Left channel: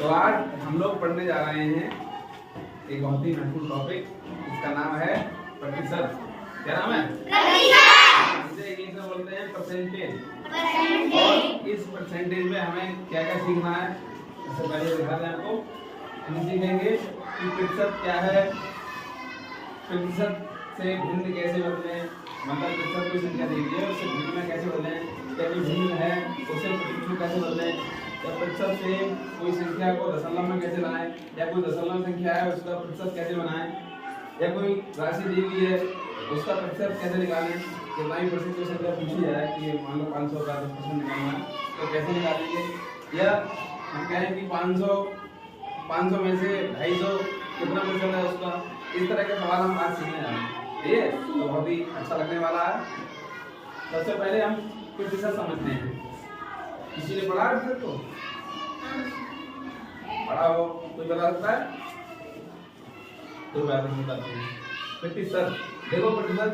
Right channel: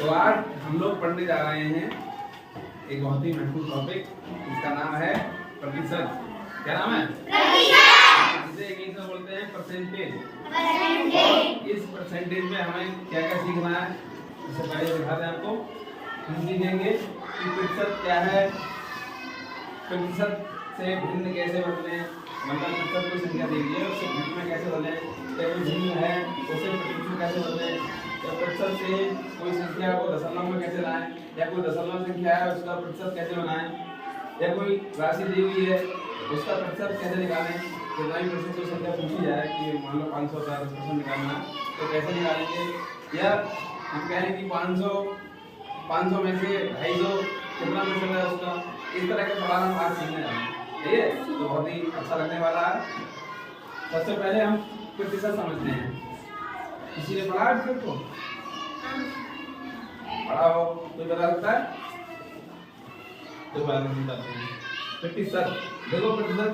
तो आज हम लोग पढ़ने जा रहे हैं एक बहुत ही महत्वपूर्ण टॉपिक, इसका नाम है प्रतिशत। क्या नाम है? इसे इंग्लिश में बोलते हैं परसेंटेज। और इस परसेंटेज में हमें क्या क्या सीखना है, इससे पहले दिखा दें आपको। हम सीखेंगे कि प्रतिशत क्या है, प्रतिशत से भिन्न कैसे बदलें, मतलब प्रतिशत कोई संख्या दे दी है उससे भिन्न में कैसे बदलें, या कोई भिन्न है उसे प्रतिशत कैसे बदलें, या प्रतिशत से कोई संख्या को दशमलव में कैसे लाएं, या कोई दशमलव संख्या है उसका प्रतिशत कैसे बनाएं, या कोई राशि दी हुई है उसका प्रतिशत कैसे निकालें। तो 9% की संख्या पूछी जाए कि मान लो 500 का 10% निकालना है तो कैसे निकालेंगे, या हम कहें कि 500 में से 250 कितना प्रतिशत है उसका। इस तरह के सवाल हम आज सीखने वाले हैं, ठीक है? तो बहुत ही अच्छा लगने वाला है। सबसे पहले हम प्रतिशत समझते हैं। किसी ने पढ़ा है प्रतिशत को? पढ़ा हो कोई बता सकता है? तो बात नहीं बताते हैं। प्रतिशत देखो, प्रतिशत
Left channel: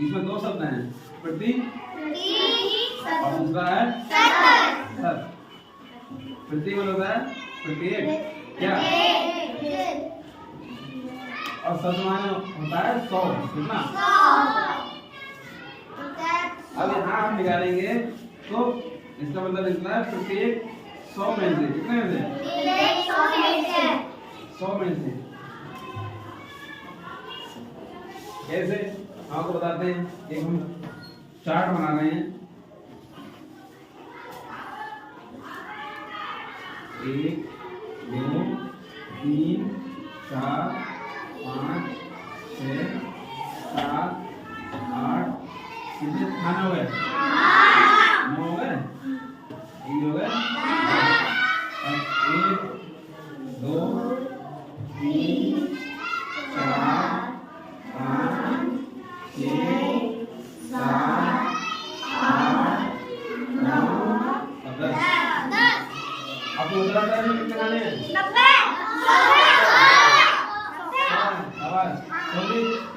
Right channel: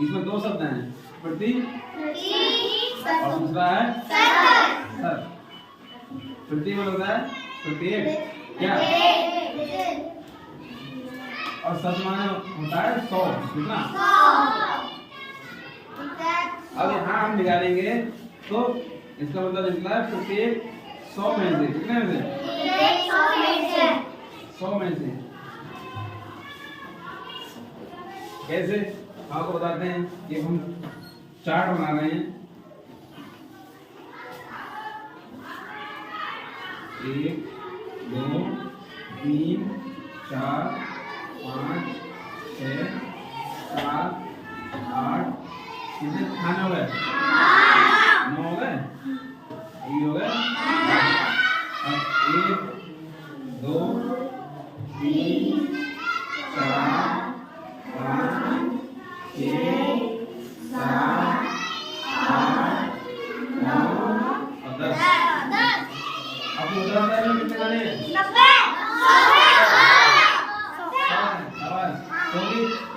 इसमें दो शब्द हैं, प्रति और दूसरा है शत। प्रति मतलब होता है प्रत्येक, क्या? और शत माने होता है 100। कितना? अब यहाँ हम निकालेंगे तो इसका मतलब निकला है प्रत्येक 100 में से। कितने में से? 100 में से। कैसे आपको बताते हैं कि हम चार्ट बना रहे हैं। 1 2 3 4 5 6 7 8 कितने खाना हो गए? 9 हो गए? यही हो गए। अब 1 2 3 4 5 6 7 8 9 और 10। आपको बता रहा है कितने खाने हैं? 90।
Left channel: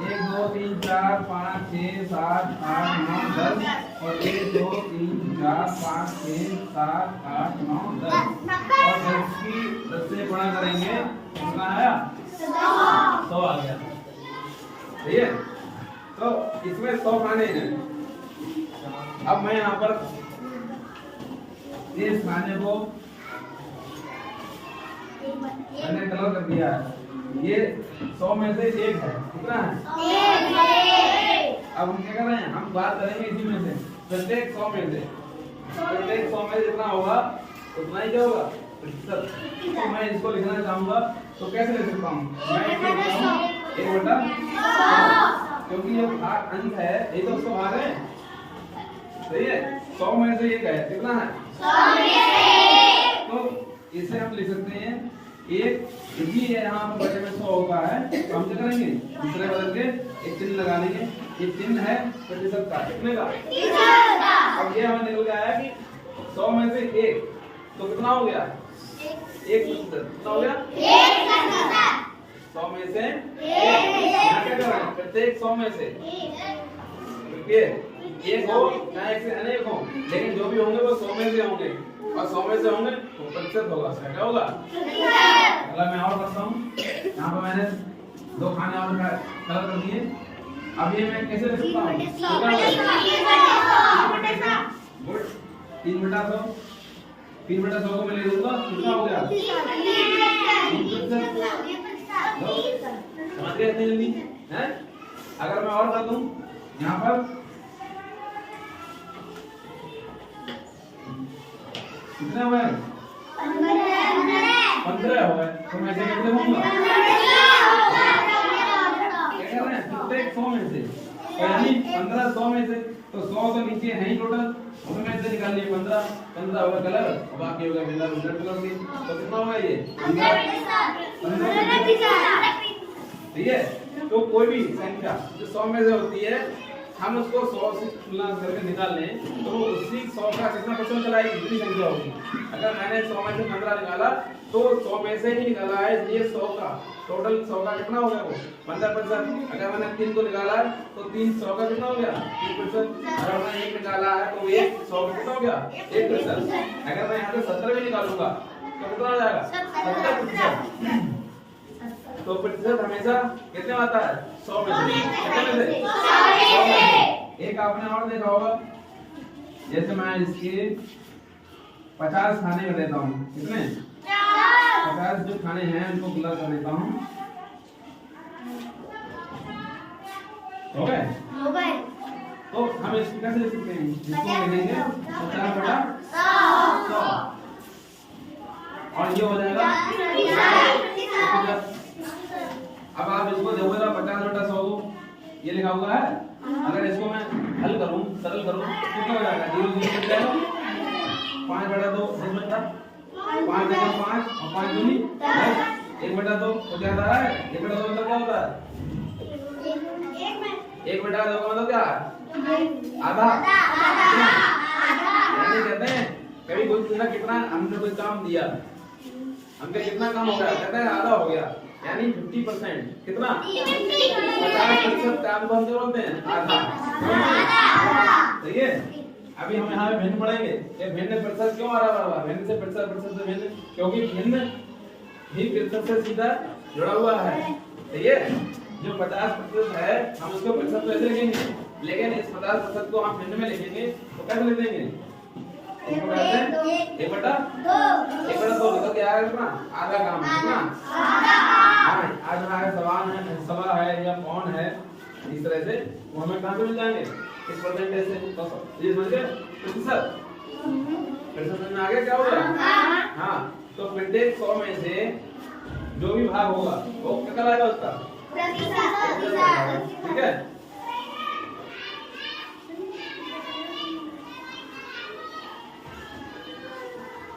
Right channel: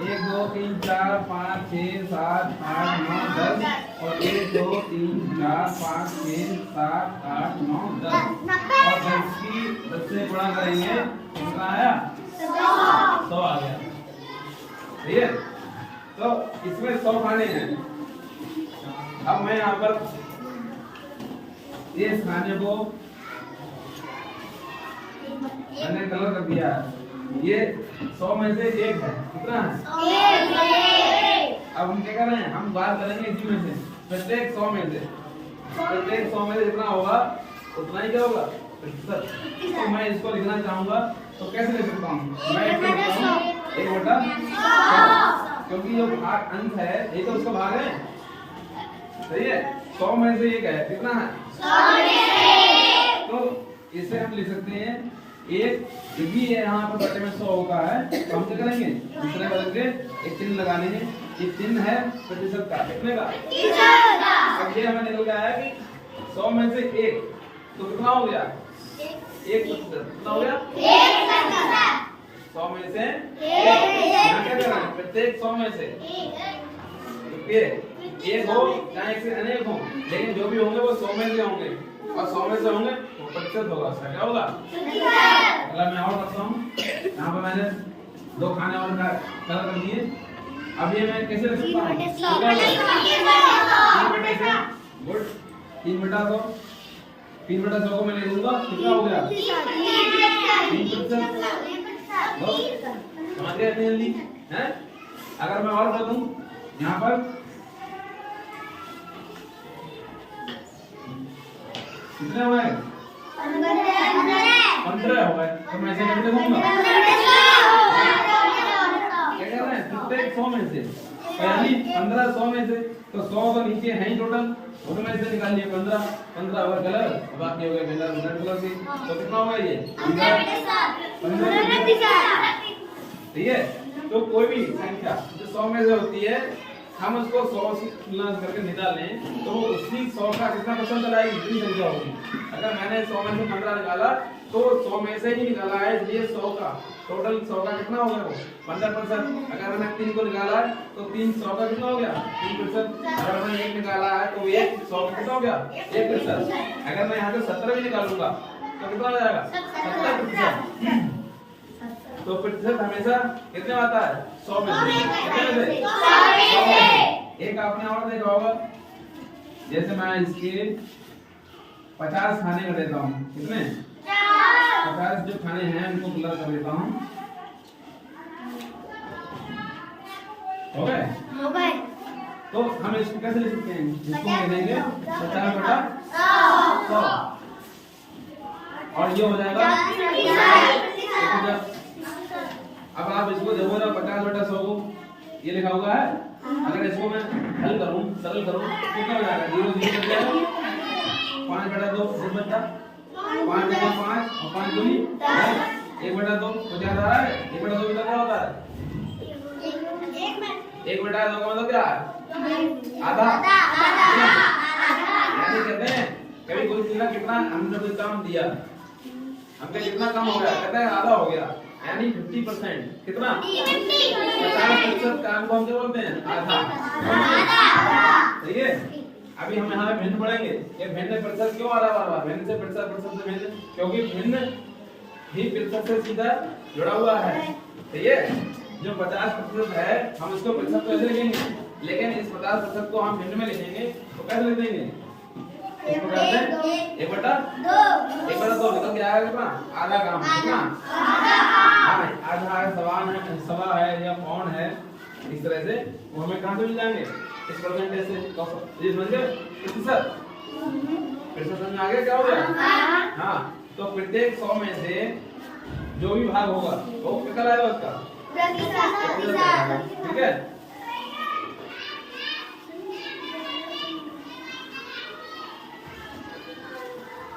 1 2 3 4 5 6 7 8 9 10 और 1 2 3 4 5 6 7 8 9 10 और 10 की 10 से गुणा करेंगे, कितना आया? 100 आ गया। सही है? तो इसमें 100 खाने हैं। अब मैं यहाँ पर इस खाने को मैंने कलर कर दिया है। ये 100 में से 1 है। कितना है? अब हम क्या कर रहे हैं, हम बात करेंगे इसी में से प्रत्येक 100 में से। प्रत्येक 100 में से जितना होगा उतना ही क्या होगा? प्रतिशत। तो मैं इसको लिखना चाहूंगा तो कैसे लिख सकता हूँ? मैं इसको लिखता हूँ 1/100, क्योंकि जो भाग अंक है ये तो उसका भाग है। सही है? 100 में से 1 है। कितना है? 100। तो इसे हम लिख सकते हैं एक ये यहाँ पर बटे में 100 होगा है, तो हम क्या करेंगे? दूसरे बदल के एक चिन्ह लगा लेंगे। ये चिन्ह है प्रतिशत का। कितने का? अब ये हमें निकल गया है कि 100 में से 1, तो कितना हो गया? 1%। कितना हो गया? 100 में से 1। यहाँ क्या कर रहे हैं? प्रत्येक 100 में से एक हो चाहे एक से अनेक हो, लेकिन जो भी होंगे वो 100 में से होंगे, और 100 में से होंगे तो प्रतिशत होगा। उसका क्या होगा? अगर मैं और करता हूँ, यहाँ पर मैंने 2 खाने और कलर कर दिए। अब ये मैं कैसे लिख सकता हूँ? 3/100 को मैं ले लूंगा। कितना हो गया? 3%। समझ गए इतनी जल्दी? हैं? अगर मैं और कर दूं यहाँ पर कितने हुए? 15 हो गए। तो मैं इसे कैसे लिखूंगा? क्या कर रहे हैं? प्रत्येक 100 में से पहली 15 100 में से, तो 100 तो नीचे है ही टोटल, उसमें से निकाल लिए 15 होगा कलर, और बाकी हो गया बिना कलर की। तो कितना होगा ये? 15। ठीक है? तो कोई भी संख्या जो 100 में से होती है, हम उसको 100 से तुलना करके निकाल लें तो उसी 100 का कितना परसेंट चलाएगी? जितनी संख्या होगी। अगर मैंने 100 में से 15 निकाला तो 100 में से ही निकाला है, ये 100 का टोटल 100 का कितना हो गया? वो 15%। अगर मैंने 3 को निकाला तो 3 100 का कितना हो गया? 3%। अगर मैंने 1 निकाला है तो 1 100 का कितना हो गया? 1%। अगर मैं यहाँ से 17 भी निकालूंगा तो कितना हो जाएगा 70%। तो प्रतिशत हमेशा कितने आता है 100 में से। कितने में से 100 में से। एक आपने और देखा होगा, जैसे मैं इसके 50 खाने कर देता हूँ, कितने 50 जो खाने हैं उनको पूरा कर देता हूँ, हो गए। तो हम इसको कैसे लिख सकते हैं, इसको लिखेंगे 50/100 और ये हो जाएगा। अब आप इसको देखोगे ना 50/100 को ये लिखा हुआ है, अगर इसको मैं हल करूं, सरल करूं, कितना हो जाएगा 0 0 कट जाएगा। 5/2 10 बचा, 5 × 5 और 5 दूनी 10, 1/2 तो क्या होता है, 1/2 मतलब क्या होता है 1/2 का मतलब क्या है आधा। यानी कहते हैं कभी कोई पूछा कितना हमने कोई काम दिया, हमने कितना काम हो गया, कहते हैं आधा हो गया, यानी 50%। कितना 50% काम को हम क्या बोलते हैं आधा। ठीक है, अभी हम यहाँ भिन्न पढ़ेंगे। ये भिन्न प्रतिशत क्यों आ रहा है, भिन्न से प्रतिशत, प्रतिशत से भिन्न, क्योंकि भिन्न ही प्रतिशत से सीधा जुड़ा हुआ है। ठीक है, जो 50% है हम उसको प्रतिशत तो ऐसे लिखेंगे, लेकिन इस 50% को हम भिन्न में लिखेंगे तो कैसे लिख देंगे 1/2 निकल के आएगा कितना आधा काम। कितना हाँ, आज हमारा सवाल है या कौन है, इस तरह से वो हमें कहाँ से मिल जाएंगे इस परसेंटेज से। ये समझ गए प्रतिशत, प्रतिशत में आ गया क्या हो गया। हाँ, तो प्रत्येक 100 में से जो भी भाग होगा वो क्या कहलाएगा उसका प्रतिशत। ठीक है,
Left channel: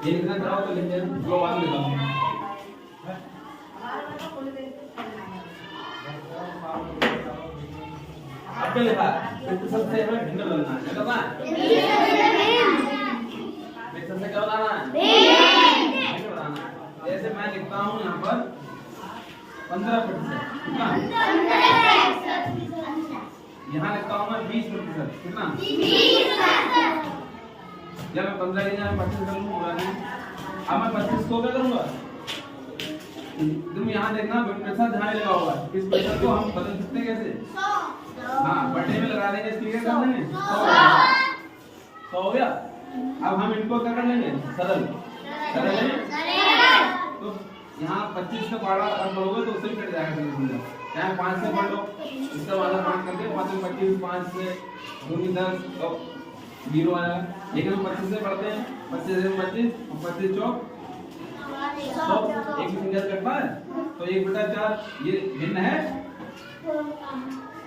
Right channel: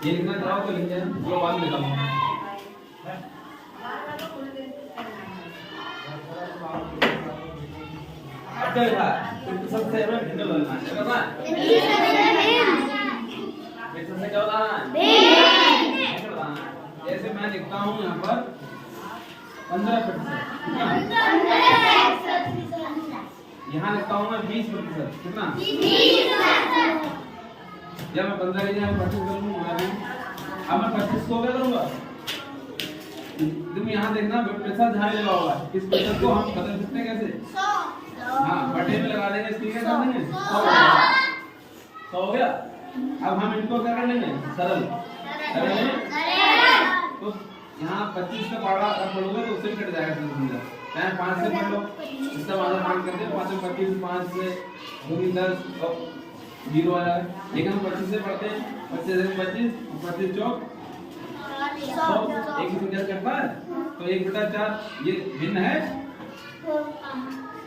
ये लिखना चाहो तो लिख देना, जो बाद में लिखाऊंगा। अब क्या लिखा है प्रतिशत से हमें भिन्न बनाना है, क्या करना है प्रतिशत से क्या बनाना है भिन्न बनाना है। जैसे मैं लिखता हूँ यहाँ पर 15%, कितना यहाँ लिखता हूँ मैं 20%, कितना जब मैं 15 के जगह 25 कर लूंगा, अब मैं 25 को क्या करूंगा, तुम यहाँ देखना प्रतिशत जहाँ लगा हुआ है, इस प्रतिशत को हम बदल सकते हैं कैसे। हाँ, बटे में लगा देंगे, इसकी क्या कर देंगे 100 हो गया। अब हम इनको क्या कर लेंगे सरल कर लेंगे। तो यहाँ 25 से पढ़ोगे तो उससे कट जाएगा 30। यहाँ 5 से पढ़ लो, इसका वाला काउंट करके 5 से 25, 5 से 2 10 और 0 आएगा। लेकिन हम 25 से पढ़ते हैं, 25 से 25 और 25 चौक 100, एक ही संख्या कटता है तो 1/4 ये भिन्न है,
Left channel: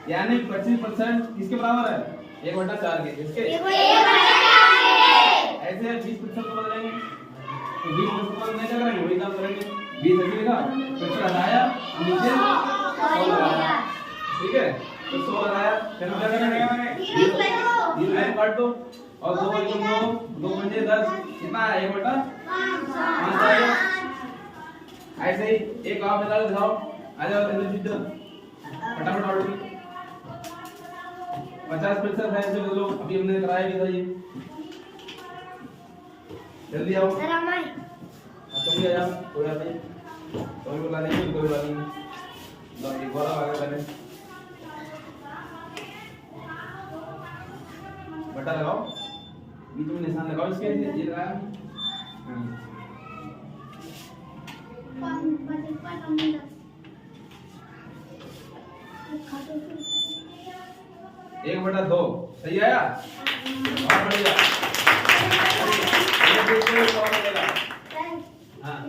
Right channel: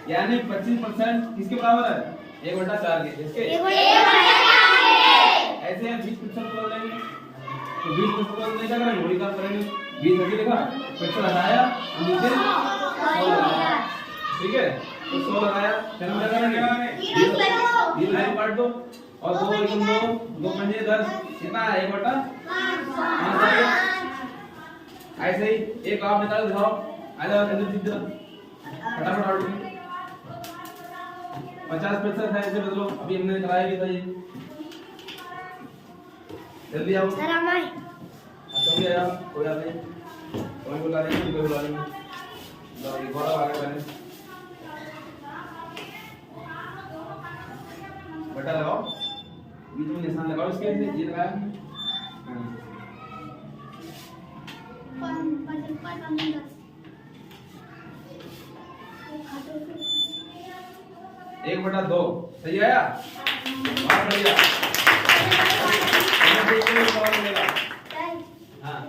यानी 25% किसके बराबर है 1/4 के। इसके ऐसे 20% कर लेंगे तो 20% नहीं क्या करेंगे, वही काम करेंगे। 20 अभी लिखा, प्रतिशत हटाया, नीचे 100 लगाया। ठीक है, तो 100 लगाया, फिर हम क्या करेंगे 20 लाइन काट दो और 2 पंजे 10, कितना है 1/5। ऐसे ही एक आप निकाल दिखाओ, आ जाओ फटाफट। 50% है, ऐसे बदलो, अभी हमने कराया भी था ये, जल्दी आओ। तुम भी आ जाओ, कोई बात नहीं, कोई बुला लेंगे, कोई बुला लेंगे। एक बार आगे बढ़े, बटा लगाओ, बीच में निशान लगाओ, इसके ये लगाया। एक 1/2 सही आया, बहुत बढ़िया। हाँ,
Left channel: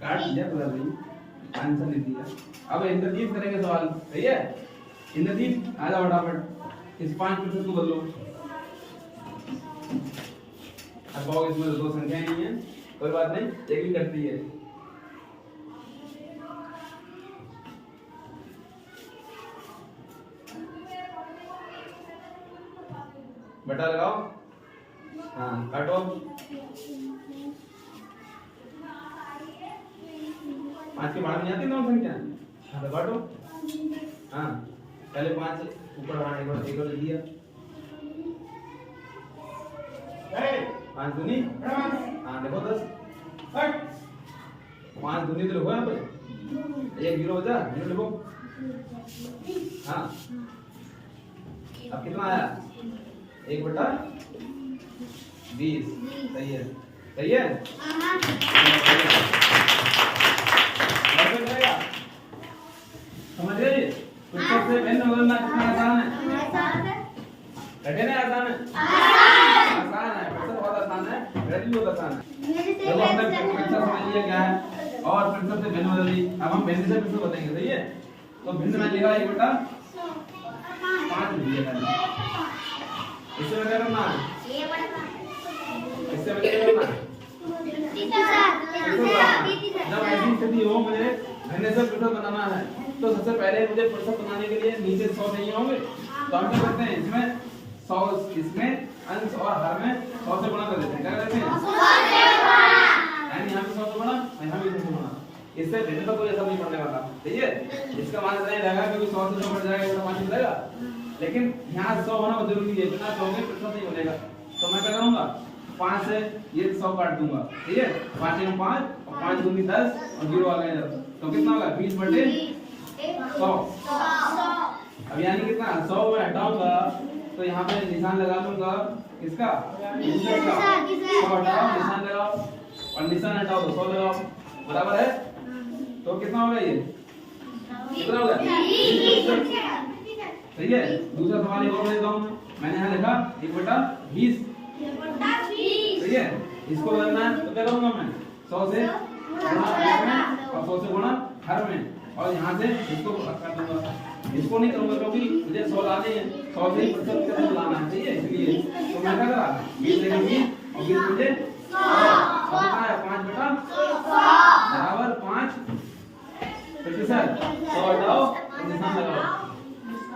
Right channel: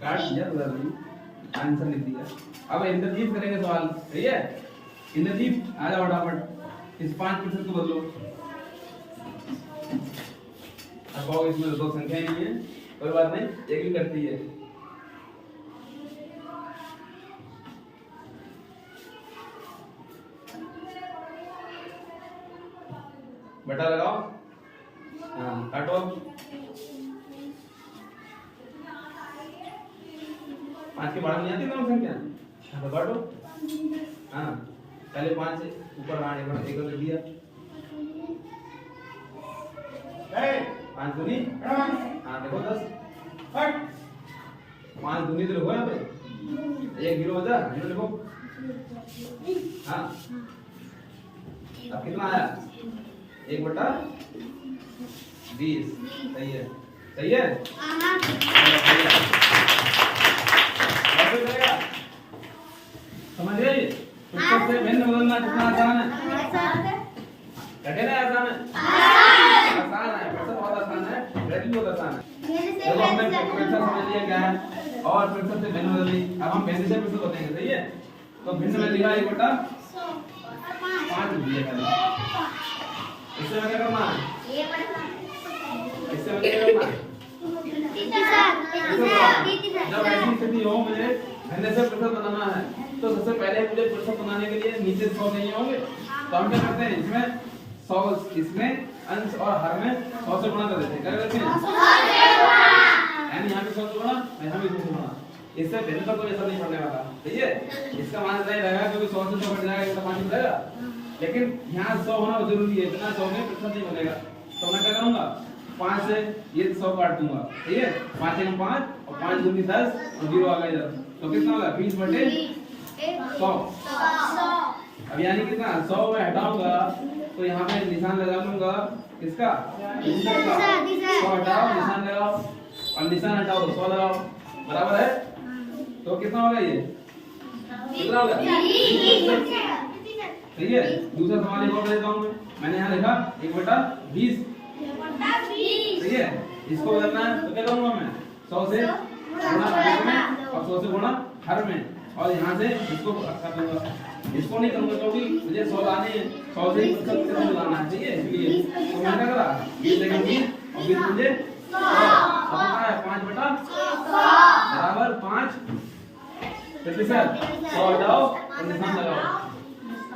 काट दिया पूरा, नहीं आंसर लिख दिया। अब इंद्रजीत करेंगे सवाल, सही है। इंद्रजीत आ जाओ फटाफट, इस 5% को बदलो। अब इसमें 2 संख्याएं नहीं है, कोई बात नहीं, एक ही करती है। बटा लगाओ, हाँ काटो। 5 के बाद नहीं आती 9 संख्या, हाँ तो काटो। हाँ, पहले 5 ऊपर, हाँ एक बार लिख दिया, 5 दूनी, हाँ देखो 10। हट 5 दूनी तो लिखो यहाँ पे 1 0 बचा 0 लिखो। हाँ अब कितना आया 1/20 सही है सही है। समझ गए पुस्तक से भिन्न बदलना कितना आसान है कठिन है आसान है आसान है पुस्तक बहुत आसान है वैल्यू बहुत आसान है। देखो हमने पिक्चर समझ लिया क्या है और पिक्चर से भिन्न बदल ली। अब हम भिन्न से पिक्चर बताएंगे सही है। तो भिन्न में लिखा 1/5 लिख दिया खाली। इससे क्या करना है इससे क्या करना है जब ऐसी स्थिति हो मुझे भिन्न से पिक्चर बनाना है तो सबसे पहले मुझे पिक्चर बनाने के लिए नीचे 100 चाहिए होंगे। तो हम क्या करते हैं इसमें 100 इसमें अंश और हर में 100 से गुणा कर देते हैं। क्या करते हैं यहाँ पे 100 से गुणा यहाँ भी 100 से गुणा। इससे भिन्न का कोई असर नहीं पड़ने वाला ठीक है। इसका मान नहीं रहेगा क्योंकि 100 से तो बढ़ जाएगा इसका मान बढ़ेगा लेकिन यहाँ 100 होना जरूरी है। बिना 100 के पिक्चर नहीं बनेगा। तो मैं क्या करूंगा 5 से ये 100 काट दूंगा ठीक है। 5 में 5 और 5 दूनी 10 और 0 आ गया तो कितना होगा 20/100। अब यानी कितना 100 में हटाऊंगा तो यहाँ पे निशान लगा लूंगा इसका 100 हटाओ निशान लगाओ और निशान हटाओ तो 100 लगाओ बराबर है। तो कितना होगा ये कितना होगा ठीक है। दूसरा सवाल एक और देता हूँ मैंने यहाँ लिखा 1/20 ठीक है। इसको करना है तो क्या करूंगा मैं 100 से गुणा में और 100 से गुणा हर में और यहाँ से इसको कर दूंगा। इसको नहीं करूंगा क्योंकि मुझे 100 लाने हैं 100 से ही प्रतिशत लाना है ठीक है। इसलिए तो मैं क्या करा 20 से 20 और 20 मुझे 100 कितना है 5/5 100 हटाओ और निशान लगाओ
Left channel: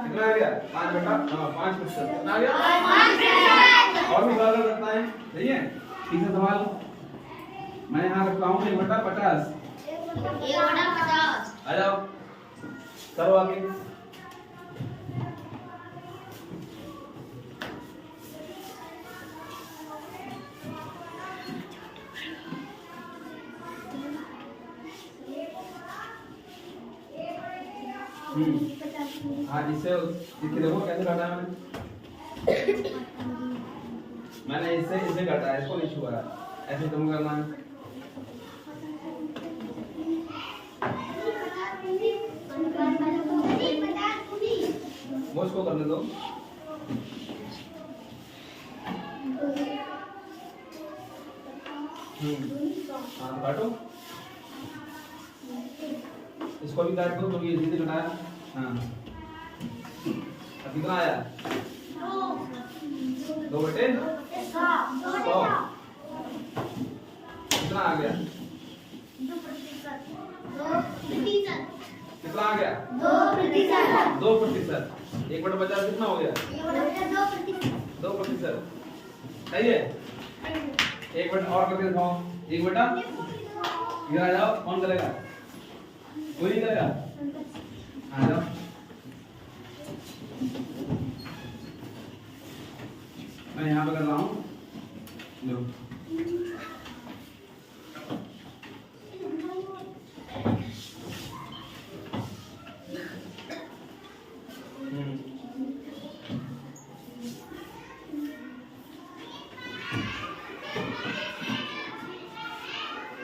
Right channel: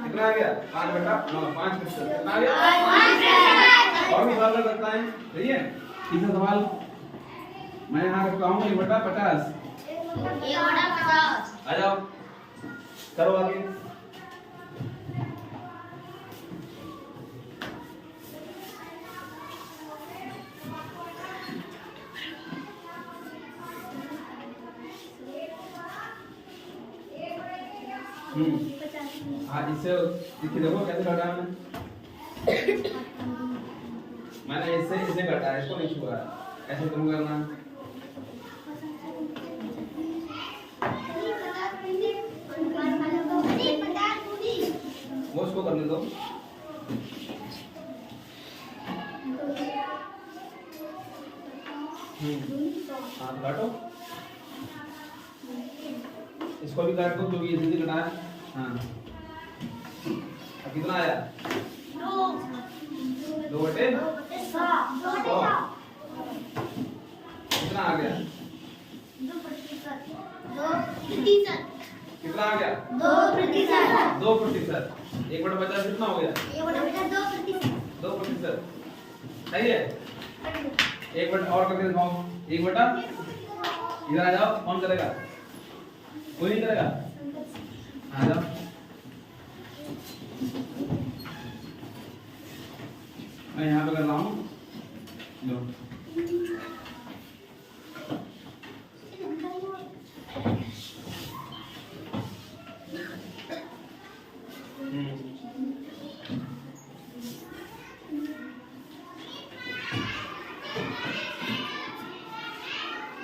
कितना आ गया 5/5 कितना आ गया। और भी सवाल करता है सही है। तीसरा सवाल मैं यहाँ रखता हूँ 1/50 आ जाओ करो आगे। हाँ इससे देखो कैसे काटा मैंने इससे इसे काटा इसको नहीं छुआ ऐसे तुम करना है। मुझको करने दो हाँ काटो इसको भी काट दो क्योंकि इसी से कटाया। हाँ अब कितना आया 2/100 कितना आ गया कितना आ गया 2%। 1/50 कितना हो गया 2%। सही है। 1 और करके दिखाओ 1 इधर आ जाओ कौन करेगा कोई नहीं करेगा आ जाओ। मैं यहाँ पे कर रहा हूँ लो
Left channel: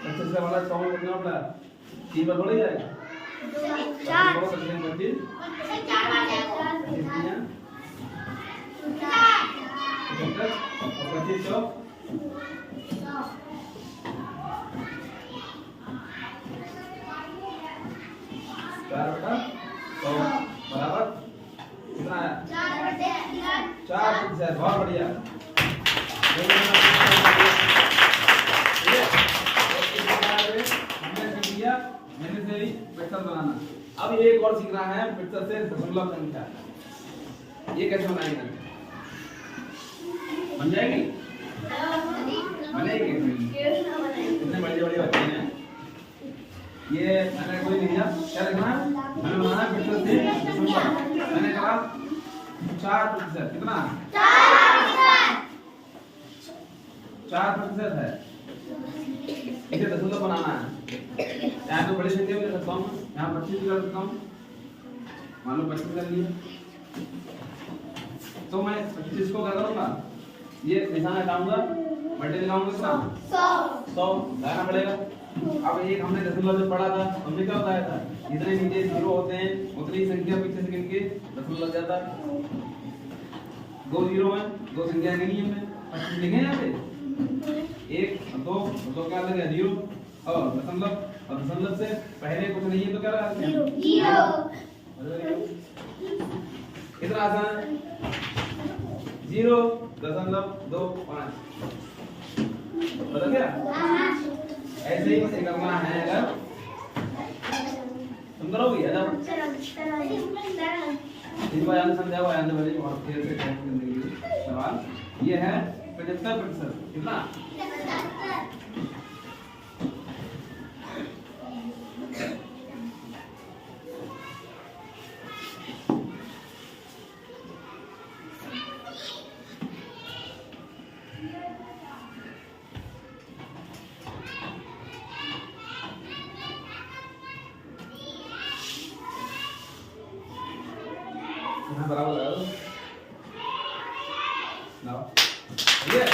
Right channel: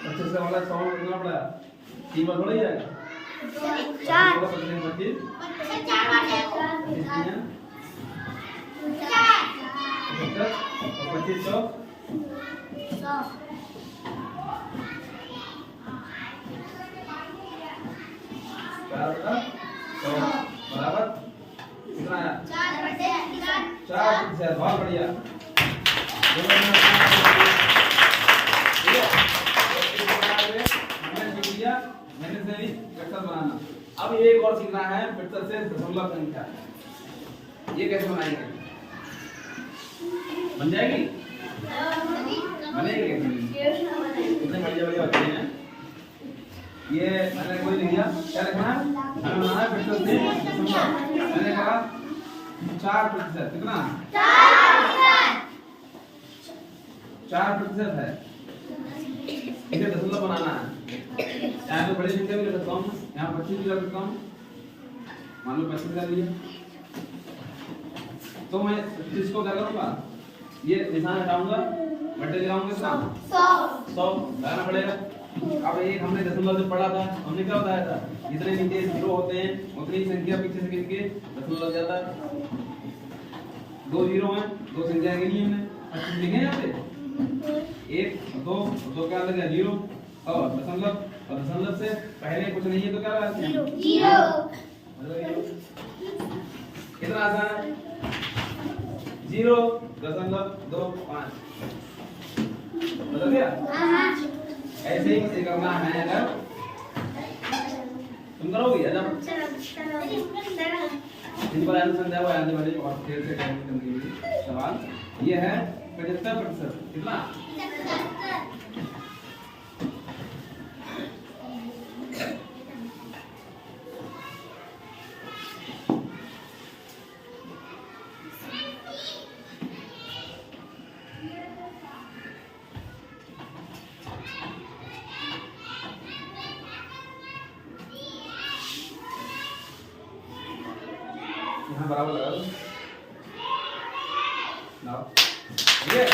अच्छे से वाला सॉन्ग करना पड़ा 3 बार थोड़ा ही जाएगा 4 बराबर कितना आया 4%। बहुत बढ़िया मैंने से भी वेक्टर बनाना। अब ये एक और सीखना है वेक्टर से दशमलव संख्या ये कैसे बनाएंगे बन जाएगी बनेगी कितने बड़े बड़े बच्चे हैं ये मैंने कोई नहीं दिया क्या लिखना है मैंने बनाना है वेक्टर से दशमलव। मैंने कहा 4% कितना 4% है इसे दशमलव बनाना है। यहाँ पे बड़ी संख्या भी रखता हूँ, यहाँ 25 भी रखता हूँ, मान लो 25 कर लिया, तो मैं 25 को क्या करूँगा, ये निशान हटाऊंगा, मल्टीप्लाई लगाऊंगा, 100 लगाना पड़ेगा। अब एक हमने दशमलव जो पढ़ा था, हमने क्या बताया था, जितने नीचे जीरो होते हैं उतनी ही संख्या पीछे से गिन के दशमलव लग जाता है। 2 जीरो हैं, 2 संख्या गिनी हमने, अब लिखे यहाँ पे 1 और 2 और 2 क्या आ गया 0 और दशमलव से पहले कुछ नहीं है तो क्या आ गया 0। कितना आसान है, 0.25 बदल गया। ऐसे ही इसे करना है, अगर तुम करोगे जब इस बार आंसर समझाओ, आंसर वाले और फिर से करने के लिए सवाल ये है 75%। कितना, यहाँ बराबर लगा दो ना, ठीक है।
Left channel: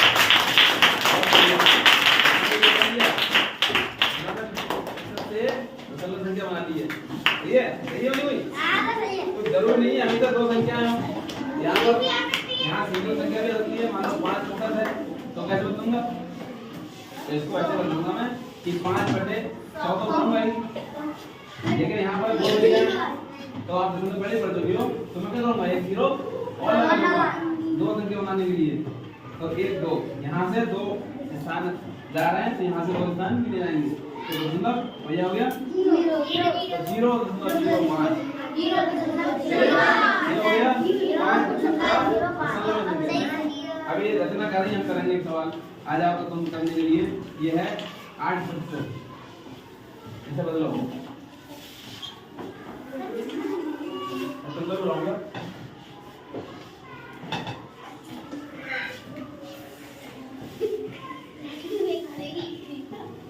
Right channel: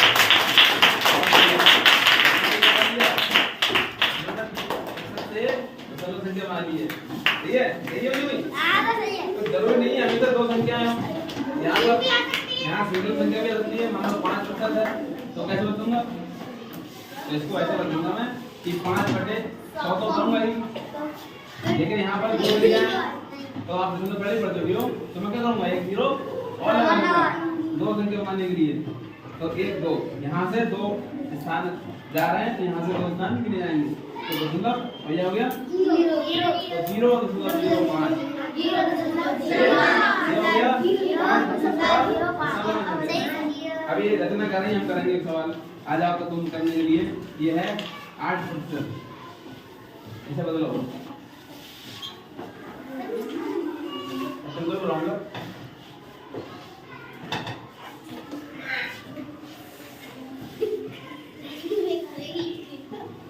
दशमलव संख्या बना ली है, ठीक है, सही है नहीं? कुछ जरूरी नहीं है अभी तक 2 संख्याएं हो, यहाँ पर यहाँ सिंगल संख्या भी रखनी है, मान लो 5% है तो कैसे बताऊंगा, तो इसको ऐसे बताऊंगा मैं कि 5/100 तो करूंगा ही, लेकिन यहाँ पर 2 दिया है तो आप दशमलव पहले पढ़ दोगे, तो मैं क्या करूंगा 1 0 और लगाऊंगा 2 संख्या बनाने के लिए, तो 1 2 यहाँ से 2 स्थान जा रहे हैं तो यहाँ से 2 स्थान गिने जाएंगे, तो दशमलव भैया हो गया 0.05 अभी ये रचना करें, हम करेंगे एक सवाल, आ जाओ तो तुम करने के लिए, ये है 8%, ऐसा बदलो तुम लोग रहोगे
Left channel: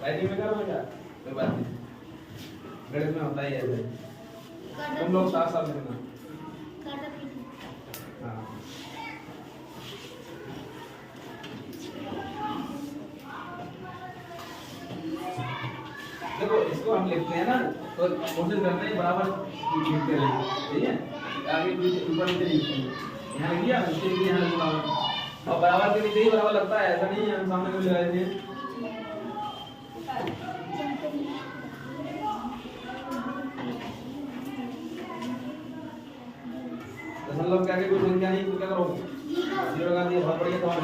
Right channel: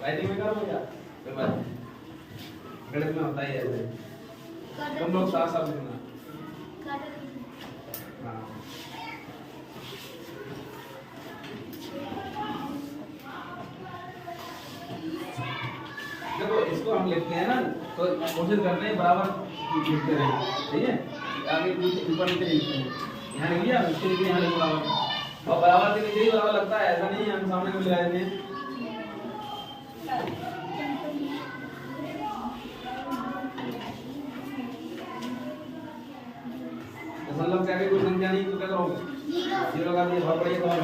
राइटिंग में करोगे क्या, कोई बात नहीं, गणित में होता ही है ऐसे, तुम लोग साथ साथ लिखना। हाँ देखो इसको हम लिखते हैं ना, तो कोशिश करते हैं बराबर लिखते रहें, ठीक है, आगे ऊपर नीचे लिखते हैं, यहाँ लिख लिया, इसके नीचे यहाँ लिख बराबर, और बराबर के नीचे ही बराबर लगता है, ऐसा नहीं है हम सामने में लगा देते हैं। दशमलव के आगे कोई संख्या नहीं तो क्या करोगे, 0 का दिया, बहुत बढ़िया सवाल है।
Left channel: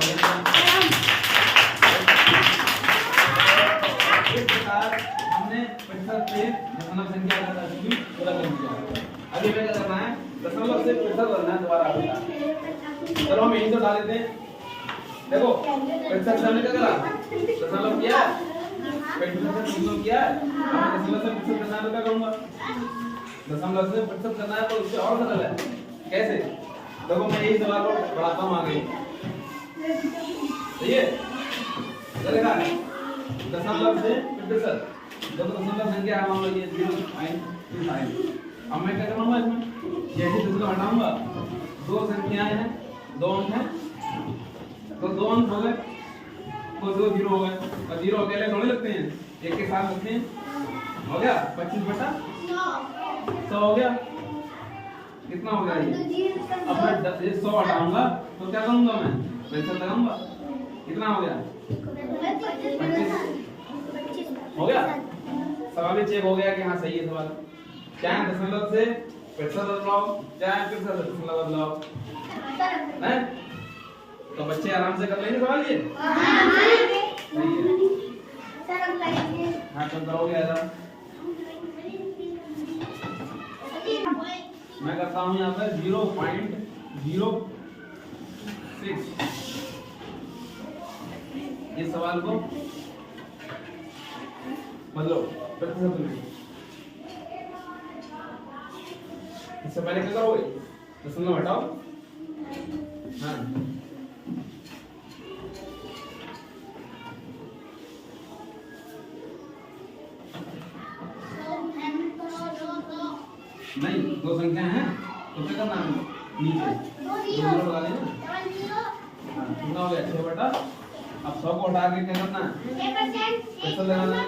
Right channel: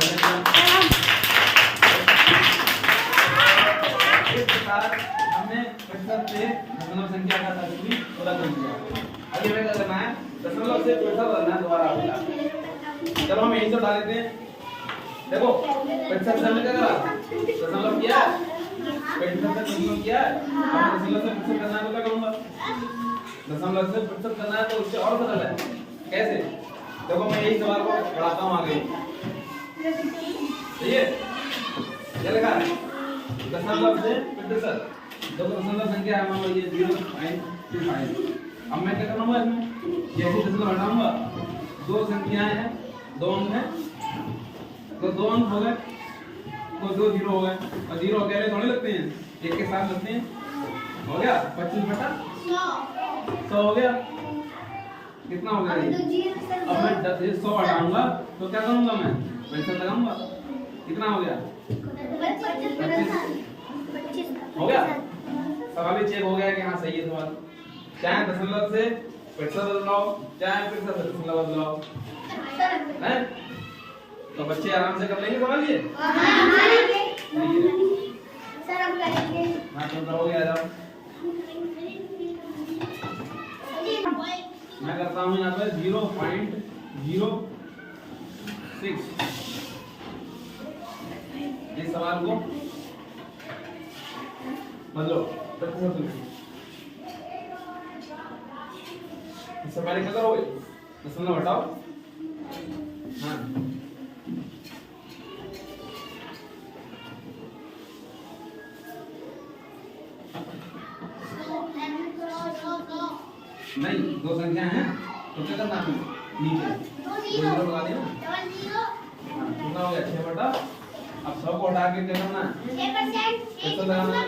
इस प्रकार हमने प्रतिशत से दशमलव संख्या का तस्वीर पूरा कर दिया। अभी हमें क्या करना है, दशमलव से प्रतिशत बदलना दोबारा होगा, चलो हम यहीं से उठा लेते हैं। देखो प्रतिशत से हमने क्या करा, दशमलव किया, प्रतिशत से दशमलव किया, अब दशमलव से प्रतिशत करना है तो क्या करूंगा, दशमलव से प्रतिशत करना है तो उससे और सरल है, कैसे, देखो मैं यही सवाल को बढ़ाता हूँ आगे, ठीक है, क्या लिखा है, दशमलव से प्रतिशत, दो दशमलव संख्या है, मान लो ये 0.25, अब मैं क्या करूंगा इसमें, जैसे दशमलव हटाऊंगा, 2 संख्याएं हैं, 2 अंक हैं, तो 2 अंक हो गए, तो 2 0 हो गए, और 0 अकेले थोड़े लगते हैं, एक के साथ लगते हैं, हो गया 25/100 हो गया, कितना हो गया ये, अब मैं 100 हटाऊंगा तो क्या करूंगा, मैं प्रतिशत लगाऊंगा, कितना हो गया 25 हो गया। सवाल भी चेक हो गया कि हाँ सही है सवाल, चाहे दशमलव से प्रतिशत बदलाओ, चाहे प्रतिशत से दशमलव बदलाओ, नहीं तो बच्चे आराम से कर लेंगे सवाल ये, हाँ तुम करोगे, आ जाओ, मैं करता हूँ यहाँ पे 0.06, ये सवाल को बदलो प्रतिशत में, इससे पहले क्या करोगे, दशमलव हटाओ, हाँ नहीं, दो संख्या है तो क्या करना है नीचे दो जीरो लगा देना। हाँ, कितना हो गया 6 बटा। अब 100 को हटा के क्या करना है 6% लगाना है।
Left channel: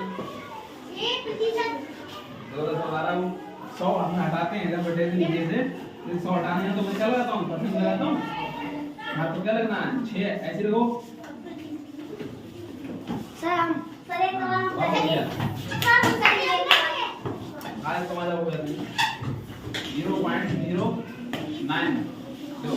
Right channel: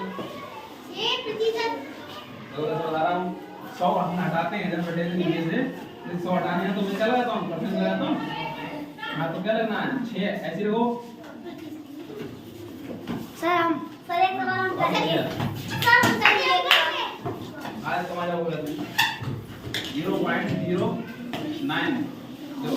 100 हम हटाते हैं जब बटे से नीचे से 100 हटाने हैं तो मैं क्या लगाता हूँ परसेंट लगाता हूँ। हाँ तो क्या लगना है 6 ऐसे रखो। सर एक सवाल हम करेंगे। आज तुम्हारा हो गया 0.09 दो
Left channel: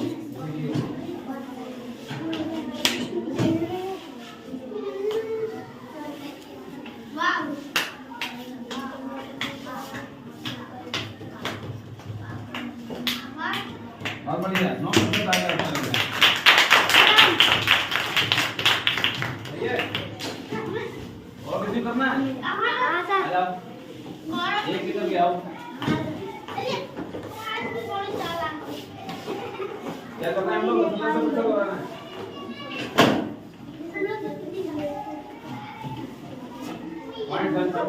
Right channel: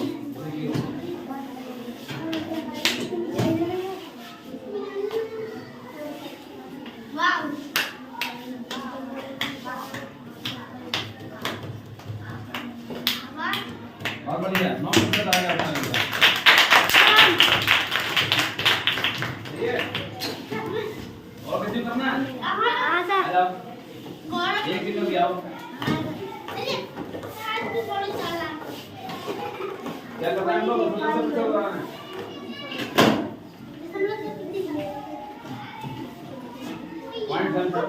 और बढ़िया 9% आ गया अपना लिखा। सही है और किसी करना है एक किलो के आओ क्या करना है हम लोग सब करवाना है। पॉइंट हल कर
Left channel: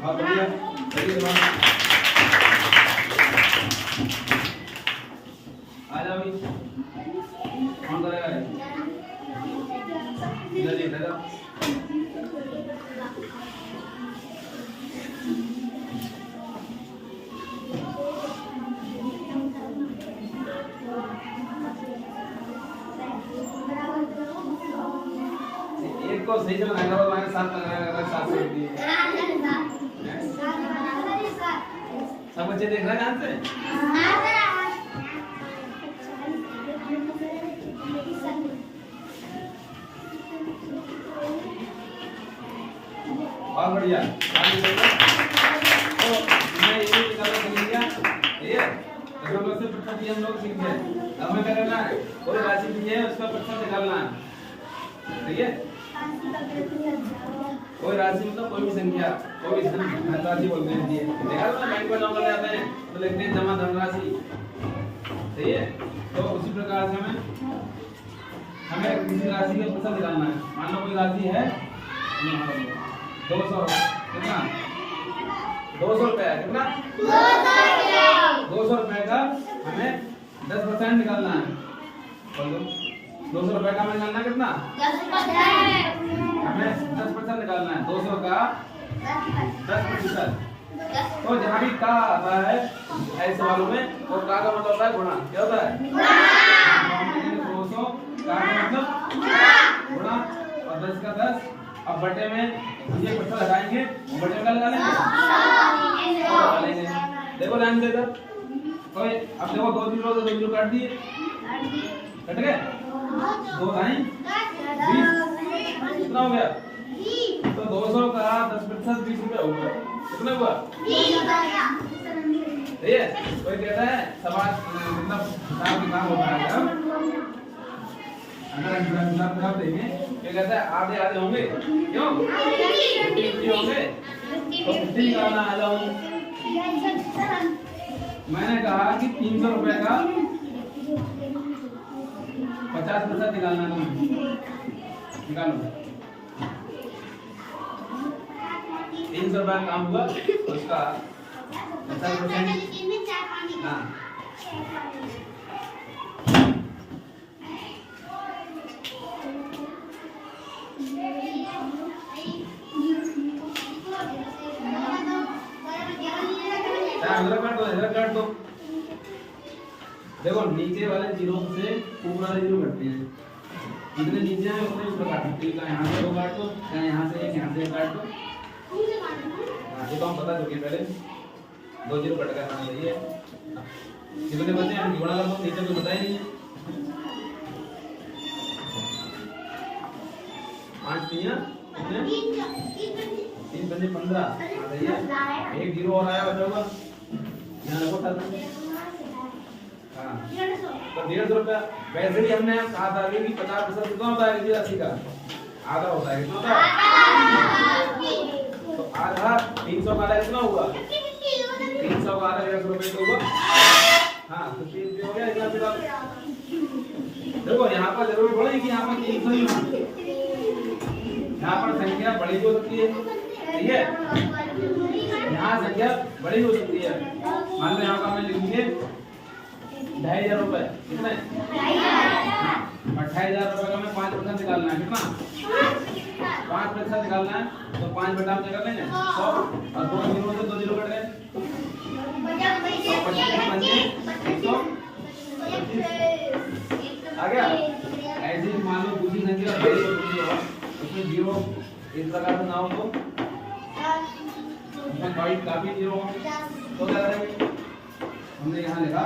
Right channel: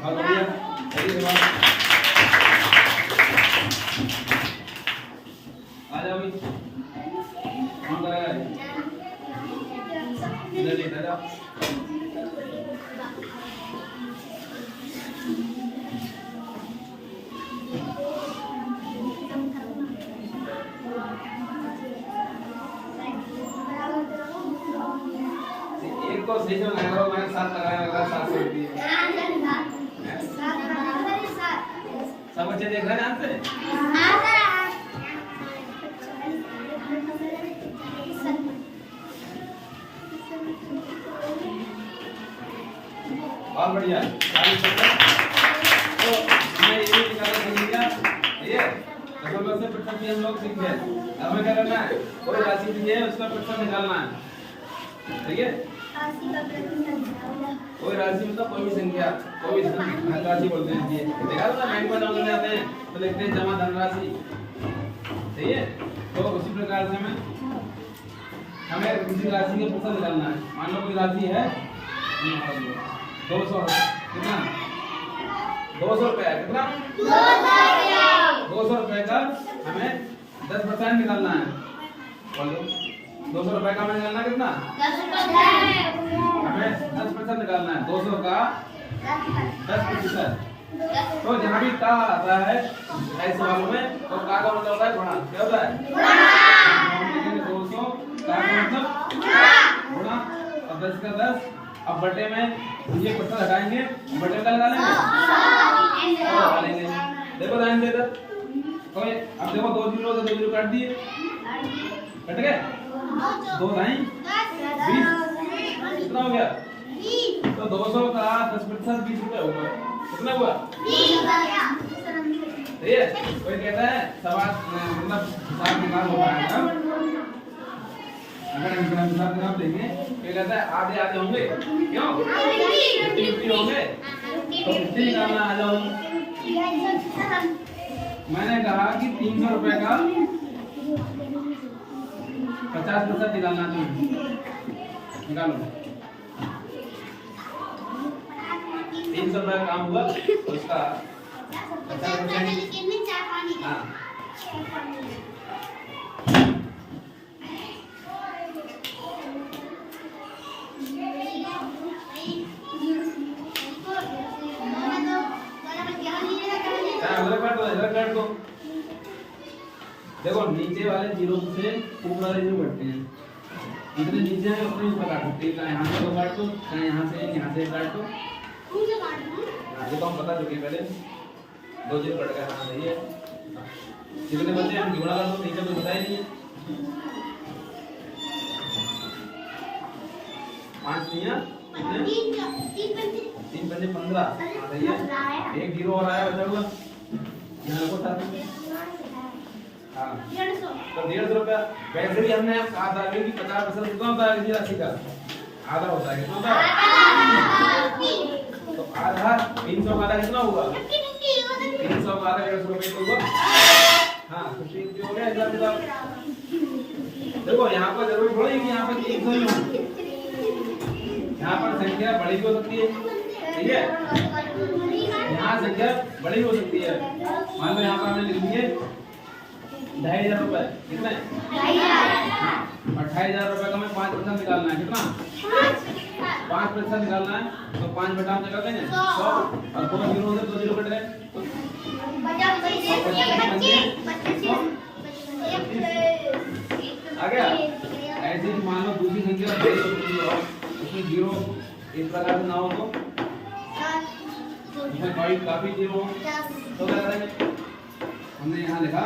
बहुत बढ़िया सही जवाब। आ जाओ भाई कौन करेगा इधर देख जाओ। एक को सही से लगाएगा और मैंने 7 लगाया 700 रुपये। सब बच्चे देख रहे हैं यहाँ से। बहुत बढ़िया तो मैं ये निकालना सीखिएगा ठीक है। दशमलव से प्रतिशत हम लोग सीख गए। अब हमें क्या करना है कोई राशि दी है उसका प्रतिशत निकालना है ठीक है। कोई राशि मतलब कोई भी संख्या कोई राशि बोलते हैं ये देखा ना बैंक में डाउन करने आते हैं तो लिखते हैं जमा धनराशि सही है। तो उसी प्रकार से हमें किसी राशि का प्रतिशत निकालना है। मान लो कोई राशि है 200 कितना 200 रुपया कितना 200 रुपए का हमें 10% निकालना है। बोलो 200 रुपए का हमें निकालना कितना 10%। हमें 10% निकालना है 200 का 10%। तो जहाँ भी का आता है ऐसे सवालों में तो का मतलब होता है गुणा। क्या होता है 200 का मतलब गुणा और 10 का 10। अब बटे में ये प्रतिशत हटाएंगे बटे का लगा लेंगे देखो लाइन से इधर कोई अब देखो 2 जीरो काट दिए कट गए 2 लाइन 20 कितना हो गया। तो 200 का 10% 20 रुपए होगा कितना हुआ ठीक है। कोई कहता है सवाल मतलब हिसाब निकाल होता है अगर हिसाब निकाल देंगे ये कहता है आधे आधे होंगे क्यों 50 होंगे तो 50 निकालना आ जाओ। मैंने कहा कि 300 रुपए का 50% निकालना है निकालो 300 रुपए काम हुआ उसका 50%। हाँ काट दो देखो नीचे वाले जीरो से ऊपर वाले जीरो घटते हैं जितने नीचे हैं उतने ऊपर काट दो। यहाँ से दो काट दो यहाँ से काट दो। देखो हम बता चुके पहले 2 जीरो कट गया हाँ सही है। जितने बच्चे हैं जोड़ा कर दो नीचे तो बताया नहीं है 5 नहीं 3 बचे 15 सही है। एक जीरो और आया बचा हुआ यहाँ रखो साथ में। हाँ तो 150 रुपया वैसे ही हमने कहा था कि 50% कितना होता है किसी राशि का आधा होता है कितना होता है तो आधा 300 का आधा कितना हुआ? 300 का आधा 150 रुपये तो हुआ। हाँ तो 300 हो गया। अगला जवाब देखो, यहाँ पर जरूर बोले कि यहाँ पर 300 ही हो, यहाँ पर संख्या बड़ी हो सकती है, ठीक है, यहाँ संख्या बड़ी हो सकती है। मान लो यहाँ पर हमें लिख दिए 2500 रुपए, कितने? 28,000 रुपए का हमें 5% निकालना है। कितना? 5% निकालना है तो 5 बटा हम निकाल लेंगे 100 और 2 जीरो से 2 जीरो कट गए, 25 आ गया। ऐसे ही मान लो दूसरी संख्या बड़ी होती है और उसमें जीरो इस प्रकार से ना हो तो उसमें काफी जीरो हो तो क्या करेंगे? हमने यहाँ लिखा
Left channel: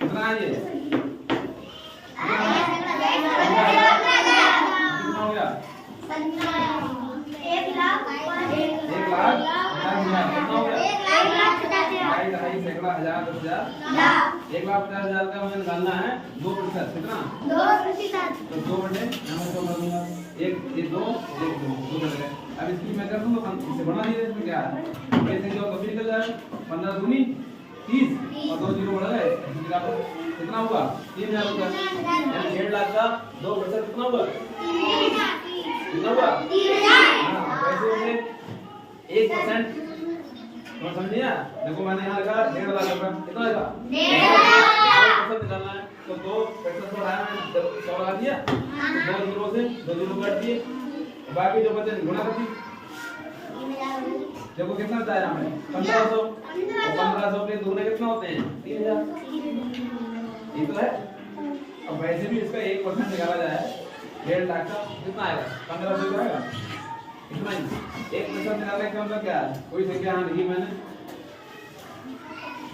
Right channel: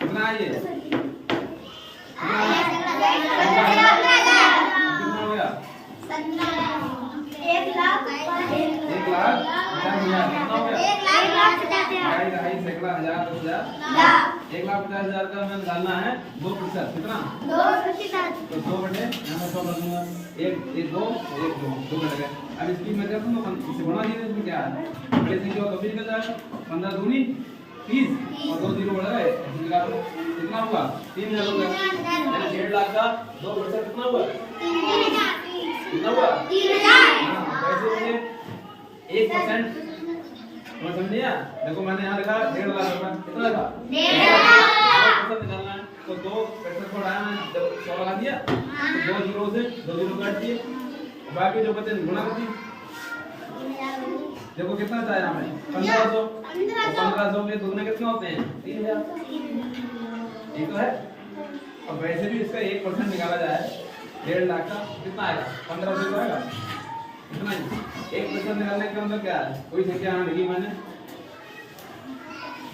कितना है ये? कितना हो गया? 1,50,000। कितना हो गया? 1,50,000 का हमें निकालना है 2%। कितना? 2%। तो 2 बटे यहाँ में 100 कर दूंगा, 1 2 1 2 2 कट गए। अब इसकी मैं कर दूंगा इसे बढ़ा दीजिए। इसमें क्या है? कैसे क्या कभी निकल जाएगा? 15 दूनी 30 और 2 जीरो बढ़ गए, कितना हुआ? 3,000 हो गया। 1.5 लाख का 2% कितना हुआ? 3,000। कितना हुआ? 3,000। हाँ पैसे होंगे 1%। समझ लिया? देखो मैंने यहाँ लिखा 1.5 लाख रुपया, कितना लगा? 1.5 लाख निकालना है तो 2% को हटाया मैंने, 100 लगा दिया, 2 जीरो से 2 जीरो काट दिए, बाकी जो बचे गुना कर दी। देखो कितना बताया हमें? 1500 और 1500 के दुगने कितना होते हैं? 3,000। ये तो है। अब वैसे भी इसका 1% निकाला जाए 1.5 लाख का कितना आएगा? 1500 तो आएगा, इतना ही। 1% निकालने का मतलब क्या है? कोई संख्या यहाँ लिखी मैंने,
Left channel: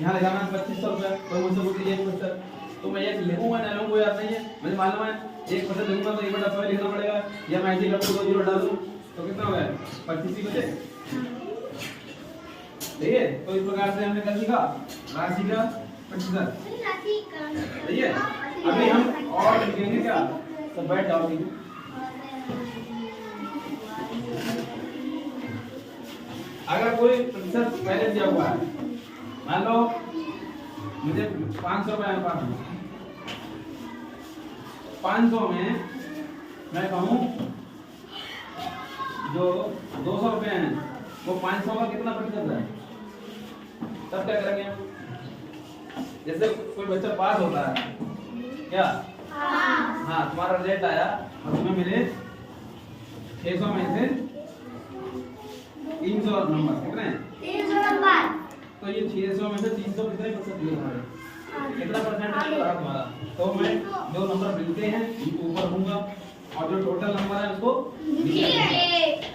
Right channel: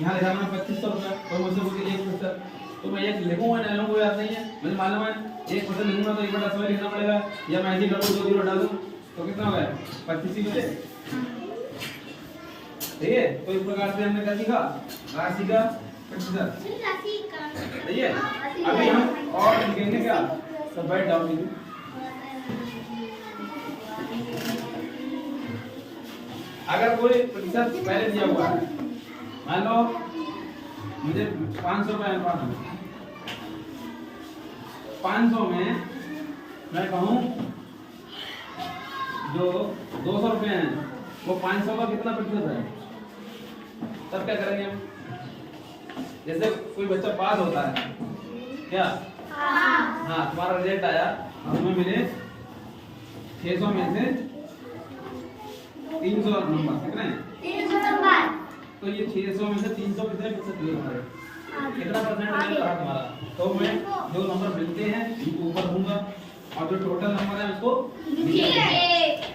यहाँ लिखा मैंने 2500 रुपया, तो मुझसे बोलती 1%, तो मैं ये लिखूंगा ना लिखूंगा याद नहीं है, मुझे मालूम है 1% लिखूंगा तो 1/100 लिखना पड़ेगा, या मैं ऐसे ही कर दूं 2 जीरो डाल दूं तो कितना हो गया? 25 ही बचे। ठीक है, तो इस प्रकार से हमने क्या सीखा? राशि का प्रतिशत। सही है। अभी हम और लिखेंगे क्या? सब बैठ जाओ। अगर कोई प्रतिशत पहले दिया हुआ है, मान लो मुझे 500 रुपए अनुपात है, 500 में मैं कहूँ जो 200 रुपए हैं वो 500 का कितना प्रतिशत है? तब क्या करेंगे? जैसे कोई बच्चा पास होता है क्या? हाँ तुम्हारा रिजल्ट आया और तुम्हें मिले 600 में से 300 नंबर, कितने? 300 नंबर। तो ये 600 में से 300 कितने प्रतिशत मिले तुम्हारे? कितना परसेंट रहा तुम्हारा? तो मैं जो नंबर मिलते हैं उनको ऊपर दूंगा और जो टोटल नंबर है उसको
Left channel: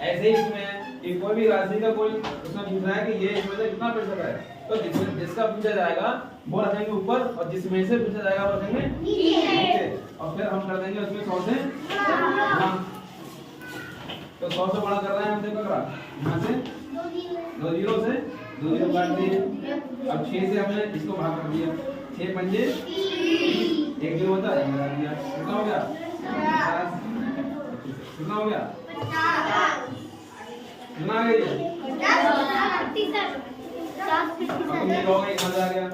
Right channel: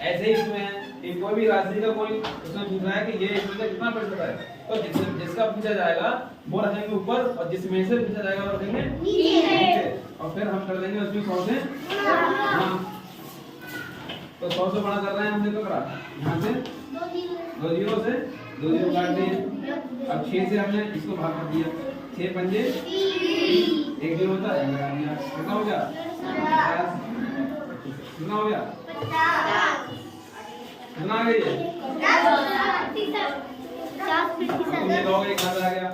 ऐसे ही इसमें कि कोई भी राशि का कोई उसमें पूछ रहा है कि ये इसमें से कितना प्रतिशत है, तो जिसका पूछा जाएगा वो रखेंगे ऊपर और जिसमें से पूछा जाएगा वो रखेंगे नीचे, और फिर हम कर देंगे उसमें 100 से हाँ। तो 100 से बड़ा कर रहे हैं हम, देखो यहाँ से 2 जीरो से 2 जीरो काट दिए। अब 6 से हमने इसको भाग कर दिया, 6 पंजे 1 जीरो होता है, कितना हो गया? 50। कितना हो गया? 50। कितना आ गया? 50। ये लोग एक आ गया,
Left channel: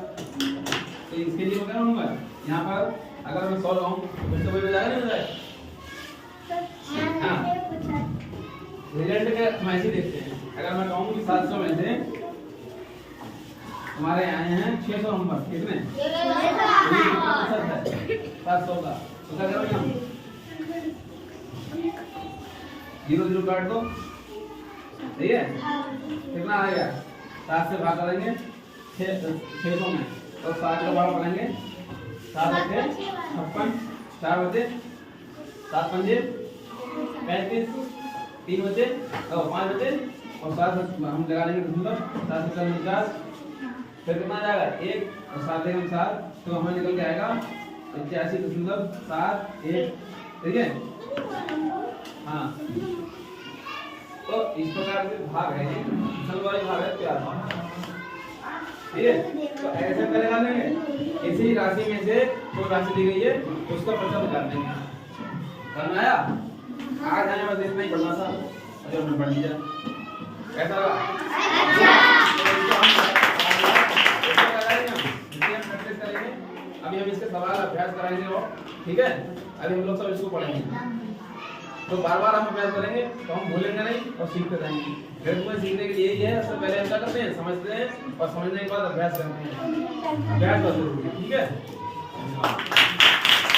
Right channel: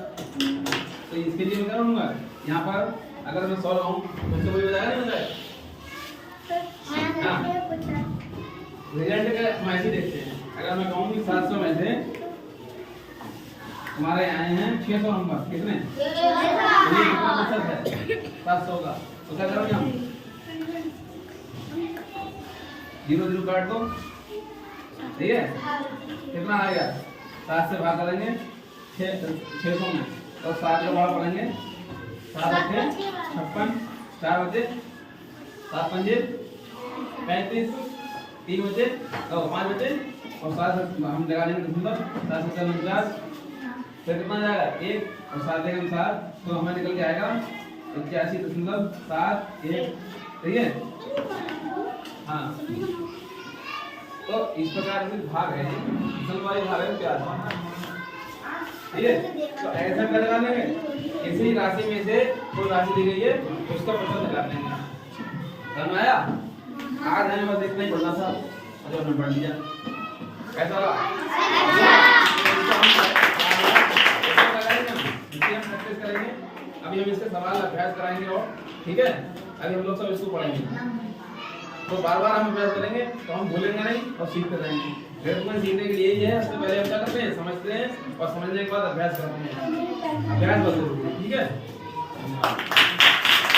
तो इसके लिए मैं क्या करूँगा? यहाँ पर अगर मैं 100 लाऊं तो इससे कोई बजाएगा नहीं बजाएगा? हाँ रिजल्ट का हम ऐसे देखते हैं। अगर मैं कहूँ कि 700 में से तुम्हारे आए हैं 600 नंबर, कितने? 700 का, तो क्या करोगे हम? 0 0 काट दो, सही है। कितना आएगा? 7 से भाग करेंगे 600 में, तो 7 का बड़ा पढ़ेंगे, 7 बचे 56, 4 बचे 7 पंजे 35, 3 बचे तो 5 बचे और 7 हम लगा देंगे 7 से 49, फिर कितना जाएगा? 1 और 7 देंगे हम 7, तो हमें निकल के आएगा 81.71। ठीक है। हाँ तो इस प्रकार के भाग है, वाले भाग है क्या? ठीक है, तो ऐसा करेगा लेंगे, इसी राशि में से कोई राशि दी गई है उसका प्रतिशत निकाल देंगे। समझ में आया? आज आने बस इतना ही पढ़ना था। अरे हमने पढ़ लिया कैसा रहा? प्रैक्टिस करेंगे। अभी हम इसके सवाल अभ्यास कराएंगे और ठीक है, अभी हम लोग सब इसको पढ़ेंगे तो बार बार हम अभ्यास करेंगे तो हम भूलेंगे नहीं और सीखते रहेंगे। गणित में सीखने के लिए ही है, उससे पहले हम क्या करते हैं, समझते हैं और समझने के बाद अभ्यास करते हैं। अभ्यास बहुत जरूरी है, ठीक है।